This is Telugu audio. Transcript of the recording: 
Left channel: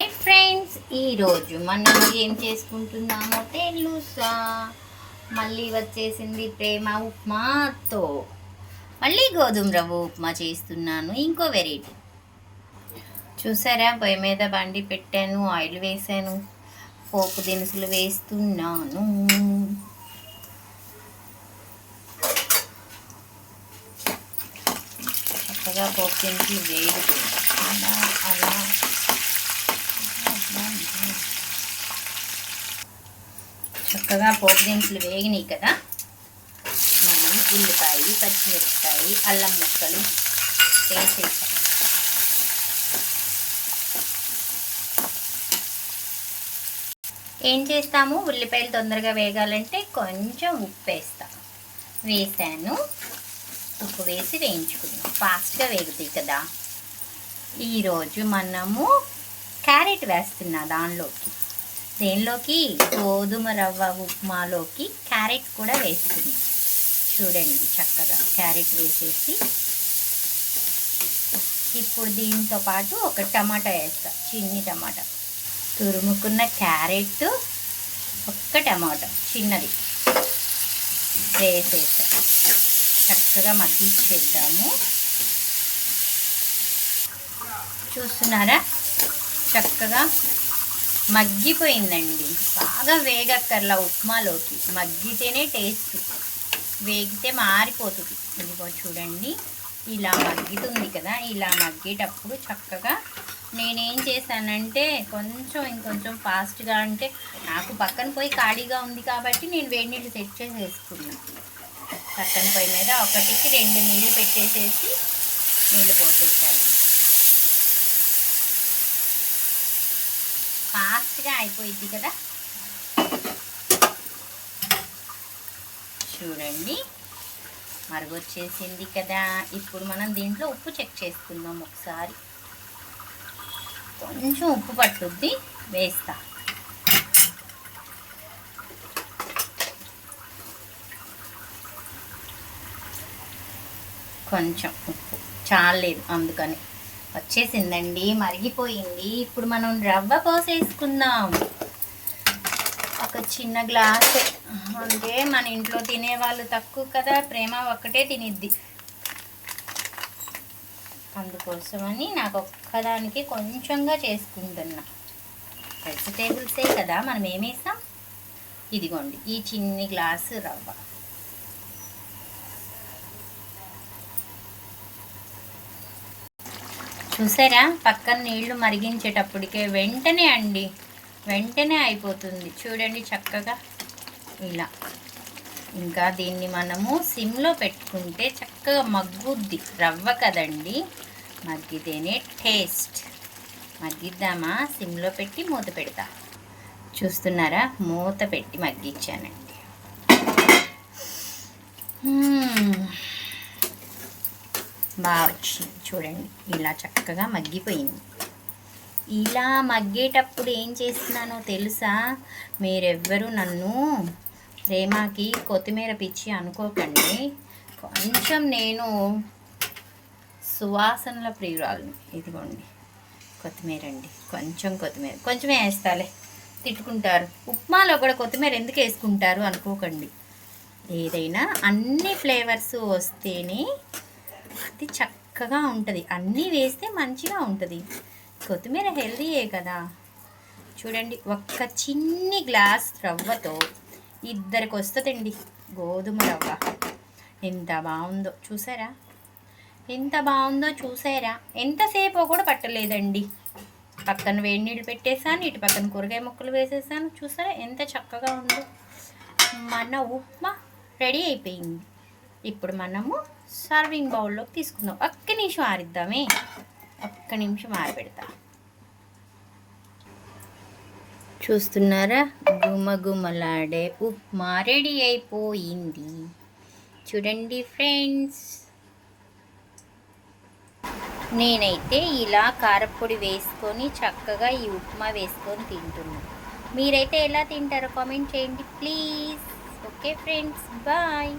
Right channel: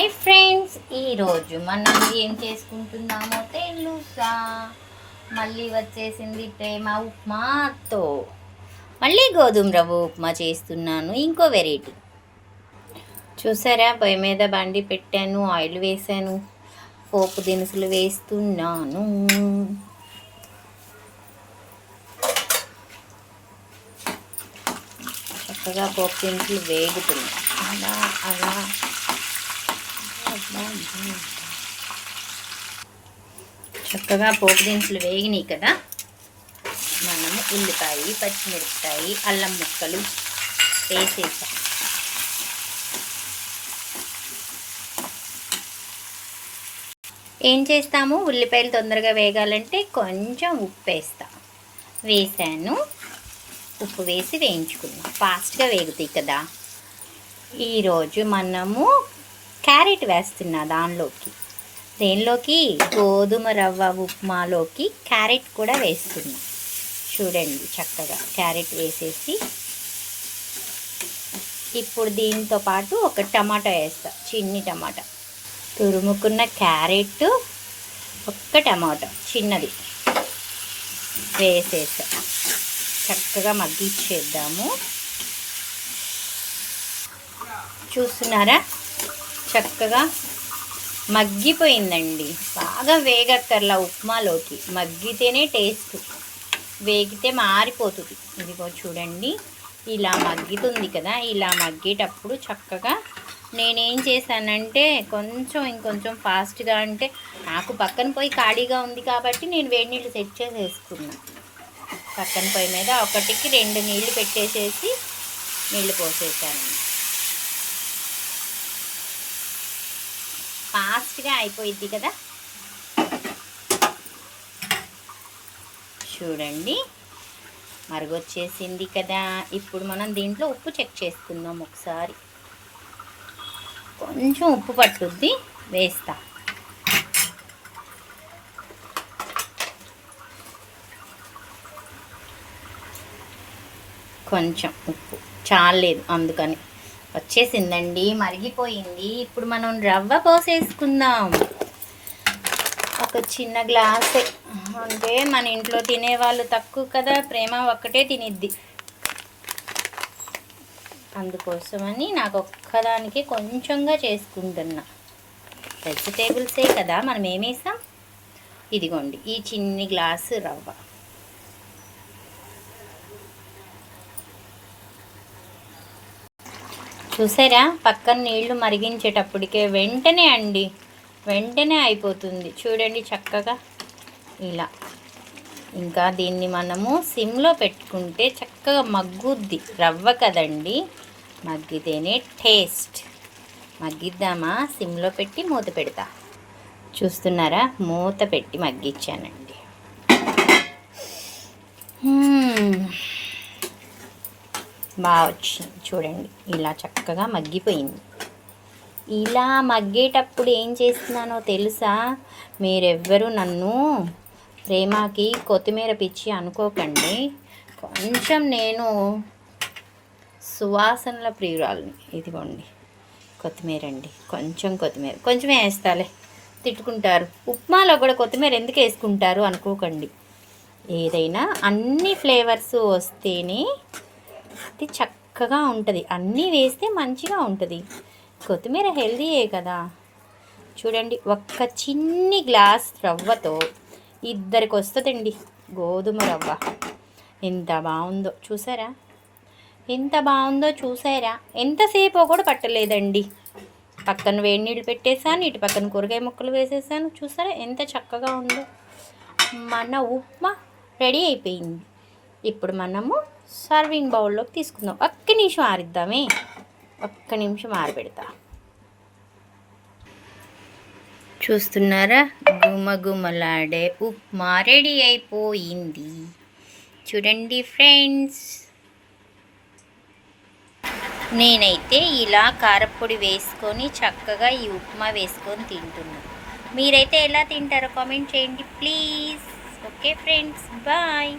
హాయ్ ఫ్రెండ్స్, ఈరోజు మనం ఏం చేసుకుంటున్నామో తెలుసా? మళ్ళీ వచ్చేసింది ప్రేమ ఉప్మాతో. మళ్ళీ గోధుమ రవ్వ ఉప్మా చేస్తున్నాను, ఇంకో వెరైటీ. చూసారా, పొయ్యి మీద బండి పెట్టాను, ఆయిల్ వేసాను, పోపు దినుసులు వేస్తున్నాను. చక్కగా పోపు దినుసులు వేగుతుంది. అలా చక్కగా పోపు దినుసులు వేగినాయి కదా, మనము ఉల్లిపాయ, పచ్చిమిరపకాయ, అల్లం ముక్కలు వేసేసాం. ఏం చేస్తాము, ఉల్లిపాయలు తొందరగా వేగాలంటే కొంచెం ఉప్పు వేస్తాం. వేసాను, ఉప్పు వేసి వేయించుకున్నాం, ఫాస్ట్గా వేగుతాయి కదా. ఈరోజు మనము క్యారెట్ వేస్తున్నా దేనిలోకి గోధుమ రవ్వ ఉప్మాలోకి క్యారెట్ కూడా వేస్తున్నా. చూడండి, చక్కగా క్యారెట్ వేసేసి ఇప్పుడు దీంతో పాటు ఒక టమాటా వేస్తా, చిన్ని టమాటా, తురుముకున్న క్యారెట్, ఒక్క టమాటా చిన్నది వేసేసా. చక్కగా మగ్గిచ్చేద్దాము. చూస్తున్నారా, చక్కగా మగ్గిపోయిందండి. బాగా వేగక్కర్లా, ఉప్మాలోకి మగ్గితేనే టేస్ట్, వేగితే మారిపోతుంది. ఇదిగో చూడండి, ఇలా మగ్గుతుంది కదా. ఇలా మగ్గేటప్పుడు చక్కగా నేనేం చేశానంటే ఇంకొంచెం ఫాస్ట్గా, అంటే నాకు పక్కన పోయి ఖాళీగా ఉంది కాబట్టి నేను వేడి నీళ్ళు సెట్ చేసేసుకున్నాను. పక్కన పొయ్యి మీద ఒకటికి 2 నీళ్లు పెట్టేసేసి నీళ్ళు పోసేసాను. ఫాస్ట్గా అయిపోయిద్ది కదా. చూడండి, మరుగొచ్చేసింది కదా. ఇప్పుడు మనం దీంట్లో ఉప్పు చెక్ చేసుకుందాం ఒకసారి. కొంచెం ఉప్పు పట్టుద్ది, వేస్తా. కొంచెం ఉప్పు చాలేదు, అందుకని వచ్చేసిందండి, మరిగిపోయింది. ఇప్పుడు మనం రవ్వ పోసేసుకుందాం. ఒక చిన్న గ్లాస్, అంటే మన ఇంట్లో తినేవాళ్ళు తక్కువ కదా, ప్రేమ ఒక్కటే తినిద్ది. అందుకోసమని నాకు ఒక్కదానికి కొంచెంగా చేసుకుంటున్నా. వెజిటేబుల్సే కదా, మనం ఏమేసాం. ఇదిగోండి, ఈ చిన్ని గ్లాసు రవ్వ. చూసారా, పక్కన నీళ్లు మరిగించేటప్పటికే వెంటనే అయిపోతుంది. చూడండి చక్కగా ఇలా. ఇంకా దీన్ని మనము సిమ్లో పెట్టుకుంటే చక్కగా మగ్గుద్ది. రవ్వ కదండి, మగ్గితేనే టేస్ట్. మగ్గిద్దామా, సిమ్లో పెట్టి మూత పెడతా. చూస్తున్నారా, మూత పెట్టి మగ్గిచ్చానండి. బాగా వచ్చింది చూడండి, ఇలా చక్కగా మగ్గిపోయింది. ఇలా మగ్గేటప్పుడు ఏం చేస్తున్నానో తెలుసా? మీరెవ్వరూ నన్ను ప్రేమకి కొత్తిమీర పిచ్చి అనుకోకండి. కొంచెం నేను సువాసనల ప్రియురాలని. ఇదిగోండి కొత్తిమీర అండి, కొంచెం వేస్తాలే, తిట్టుకుంటారు. ఉప్మాలో కూడా కొత్తిమీర ఎందుకు వేసుకుంటారు అనుకోకండి. ఏదైనా అన్ని ఫ్లేవర్స్ వస్తేనే అది చక్కగా ఉంటుంది. అన్నీ వేస్తే మంచిగా ఉంటుంది. కొత్తిమీర హెల్దీయే కదా. చూడండి, ఒక్క చిన్ని గ్లాస్ రవ్వతో 2 వస్తుందండి గోధుమ రవ్వ. ఎంత బాగుందో చూసారా, ఎంతసేపు కూడా పట్టలేదండి. పక్కన వేడి నీళ్ళు పెట్టేసాను, ఇటు పక్కన కూరగాయ ముక్కలు వేసేసాను. చూసారా ఎంత చక్కగా ఉందో. మన ఉప్మా రెడీ అయిపోయింది. ఇప్పుడు మనము సర్వింగ్ బౌల్లోకి తీసుకుందాం. ఒక్క నిమిషం ఆరబెడతా. చూస్తున్నారా, గుమగుమలాడే ఉప్మా రెడీ అయిపోయింది. చూడండి ఫ్రెండ్స్, నేనైతే ఇలా కారప్పొడి వేసుకొని చక్కగా ఈ ఉప్మా వేసుకొని తింటున్నాను. మీరైతే ఎలా తింటారో కామెంట్ చేయండి ప్లీజ్. Okay friends, bye.